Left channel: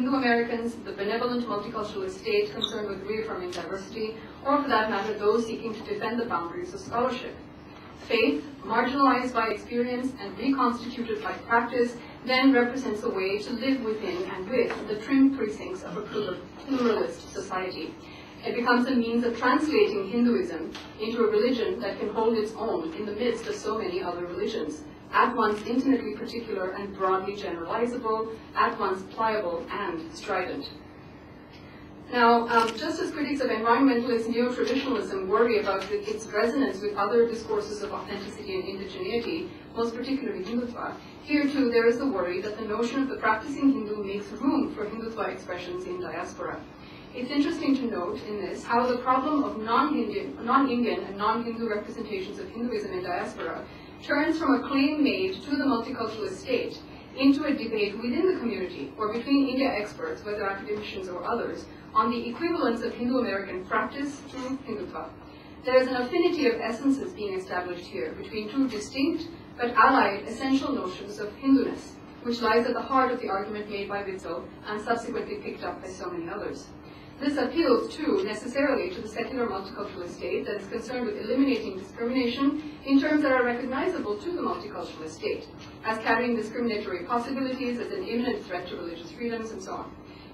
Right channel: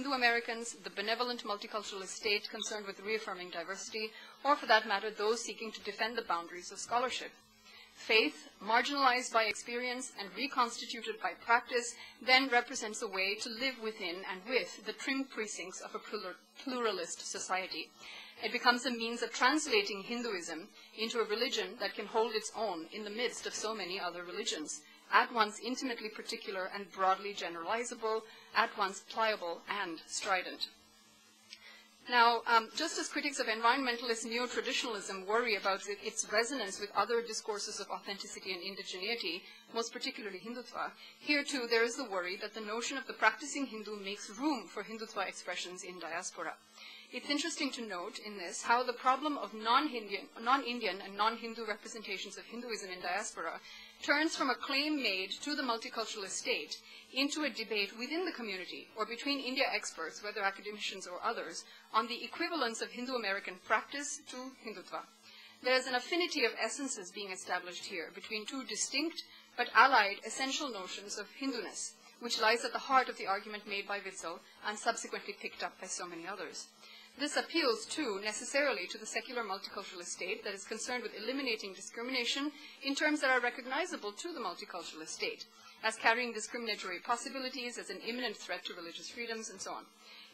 Hindu Americans, the benevolent multicultural state concerned with reaffirming diversity, or for that matter, those seeking to defend the boundaries of scholarship. Faith, marginalized by experience and reconstituted by practice, then represents a way to live within and with the trim precincts of a pluralist society. It becomes a means of translating Hinduism into a religion that can hold its own in the midst of so many other religions, at once intimately particular and broadly generalizable, at once pliable and strident. Now, just as critics of environmentalist neo-traditionalism worry about its resonance with other discourses of authenticity and indigeneity, most particularly Hindutva, here too there is the worry that the notion of the practicing Hindu makes room for Hindutva expressions in diaspora. It's interesting to note in this how the problem of non-Indian and non-Hindu representations of Hinduism in diaspora turns from a claim made to the multicultural state into a debate within the community or between India experts, whether academicians or others, on the equivalence of Hindu-American practice to Hindutva. There is an affinity of essences being established here between two distinct but allied essential notions of Hinduness, which lies at the heart of the argument made by Witzel and subsequently picked up by so many others. This appeals, too, necessarily to the secular multicultural state that is concerned with eliminating discrimination in terms that are recognizable to the multicultural state, as carrying discriminatory possibilities, as an imminent threat to religious freedoms, and so on.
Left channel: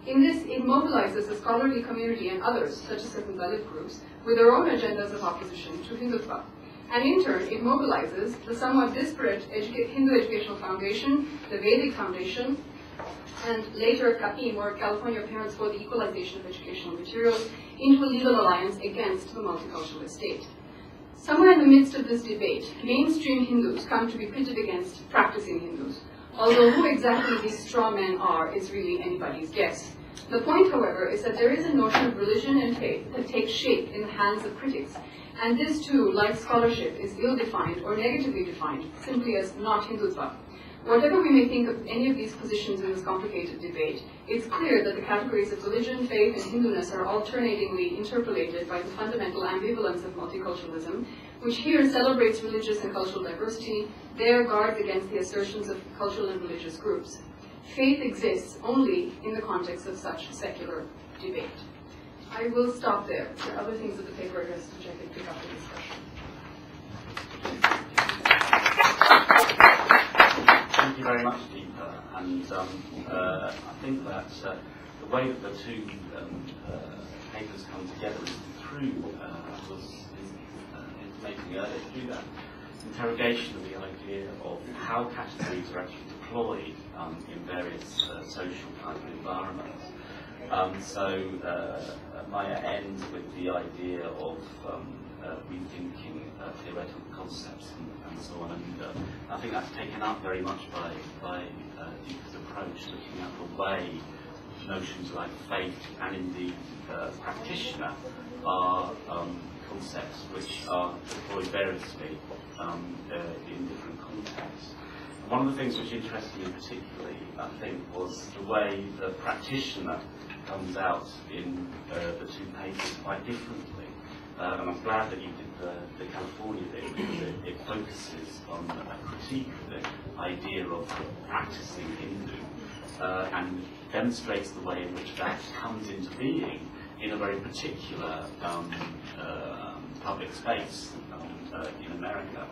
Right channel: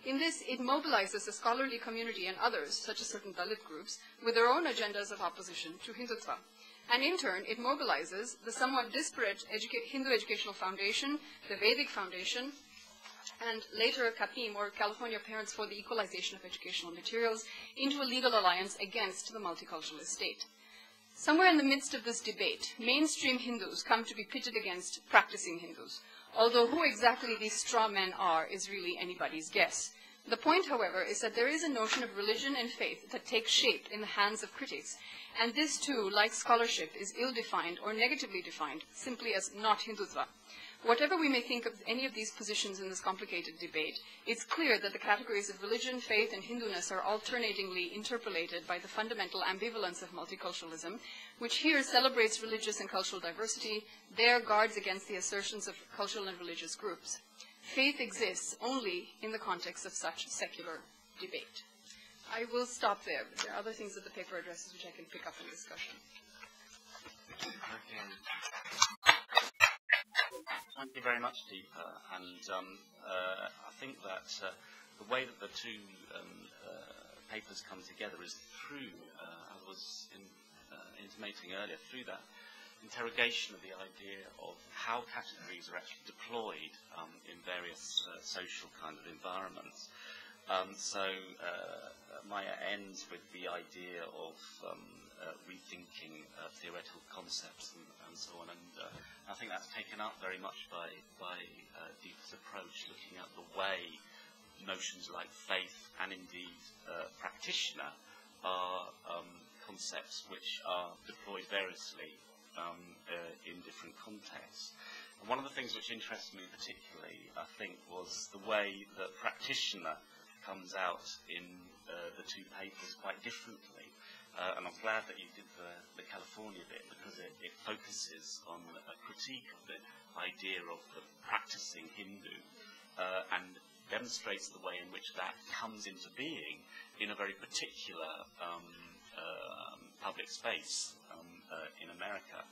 In this, it mobilizes the scholarly community and others, such as certain Dalit groups, with their own agendas of opposition to Hindutva. And in turn, it mobilizes the somewhat disparate Hindu Educational Foundation, the Vedic Foundation, and later CAPIM, or California Parents for the Equalization of Educational Materials, into a legal alliance against the multicultural state. Somewhere in the midst of this debate, mainstream Hindus come to be pitted against practicing Hindus, although who exactly these straw men are is really anybody's guess. The point, however, is that there is a notion of religion and faith that takes shape in the hands of critics, and this too, like scholarship, is ill-defined or negatively defined, simply as not Hindutva. Whatever we may think of any of these positions in this complicated debate, it's clear that the categories of religion, faith, and Hinduness are alternatingly interpolated by the fundamental ambivalence of multiculturalism, which here celebrates religious and cultural diversity, there guards against the assertions of cultural and religious groups. Faith exists only in the context of such secular debate. I will stop there. There are other things in the paper addressed which I could pick up for discussion. Thank you very much, Deepa. And I think that the way that the two papers come together is through, was intimating earlier, through that interrogation of the idea of how categories are actually deployed in various social kind of environments. So Maya ends with the idea of rethinking theoretical concepts and so on. And I think that's taken up very much by Deepa's approach, looking at the way notions like faith and indeed practitioner are concepts which are deployed variously in different contexts. One of the things which interested me particularly, I think, was the way the practitioner comes out in the two papers quite differently. And I'm glad that you did the California bit, because it focuses on a critique of the idea of practicing Hindu and demonstrates the way in which that comes into being in a very particular public space in America.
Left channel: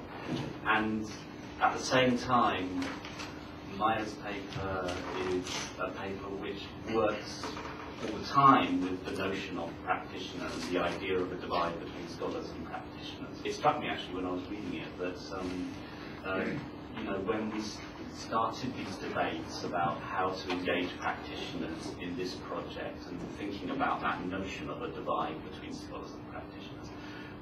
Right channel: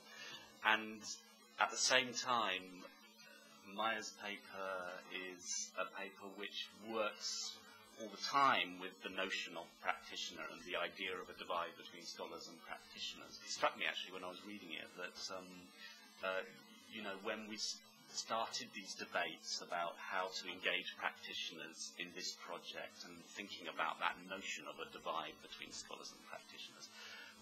And at the same time, Maya's paper is a paper which works all the time with the notion of practitioner and the idea of a divide between scholars and practitioners. It struck me actually when I was reading it that you know, when we started these debates about how to engage practitioners in this project and thinking about that notion of a divide between scholars and practitioners,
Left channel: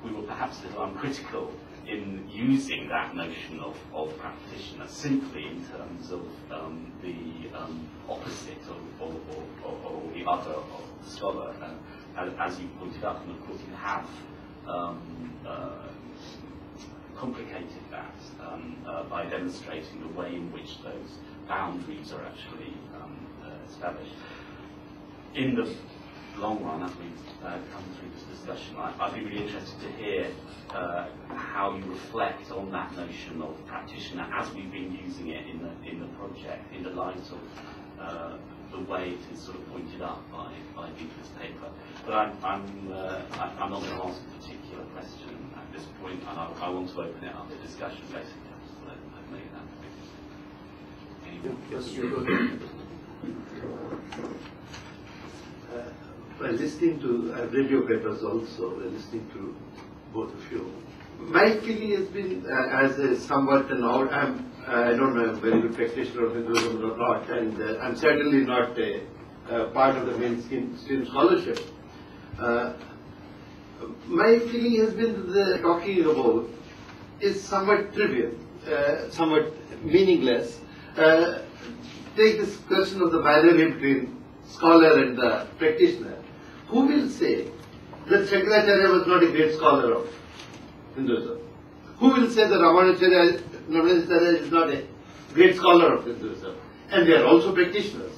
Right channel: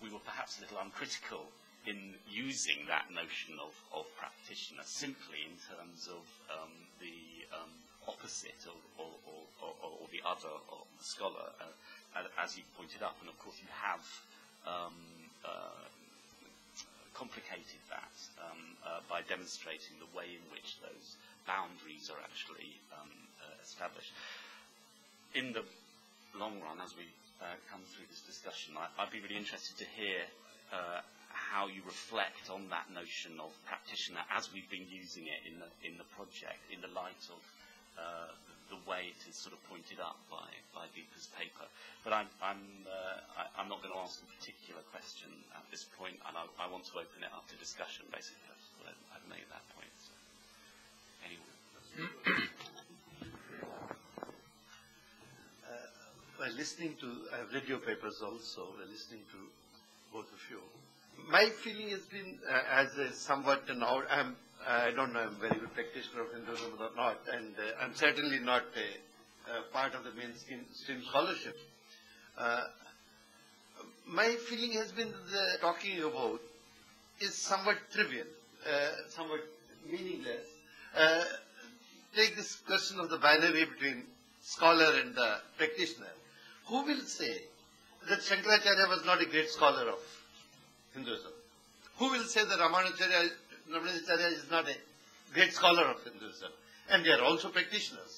we were perhaps a little uncritical in using that notion of practitioner simply in terms of the opposite or the other of the scholar. As you pointed out, and of course you have complicated that by demonstrating the way in which those boundaries are actually established. In the long run, as we come through this discussion, I'd be really interested to hear how you reflect on that notion of practitioner as we've been using it in the project, in the light of the way it is sort of but I'm not going to ask a particular question at this point, and I want to open it up to discussion, basically. I'll make that. By listening to, I've read your papers also, by listening to both of you. My feeling has been, as a somewhat an I don't know, I'm a very good practitioner of Hinduism or not, and I'm certainly not a part of the mainstream scholarship. My feeling has been that the talking about is somewhat trivial, somewhat meaningless. Take this question of the binary between scholar and the practitioner. Who will say that Shankaracharya was not a great scholar of Hinduism? Who will say that Ramanujacharya is not a great scholar of Hinduism? And they are also practitioners.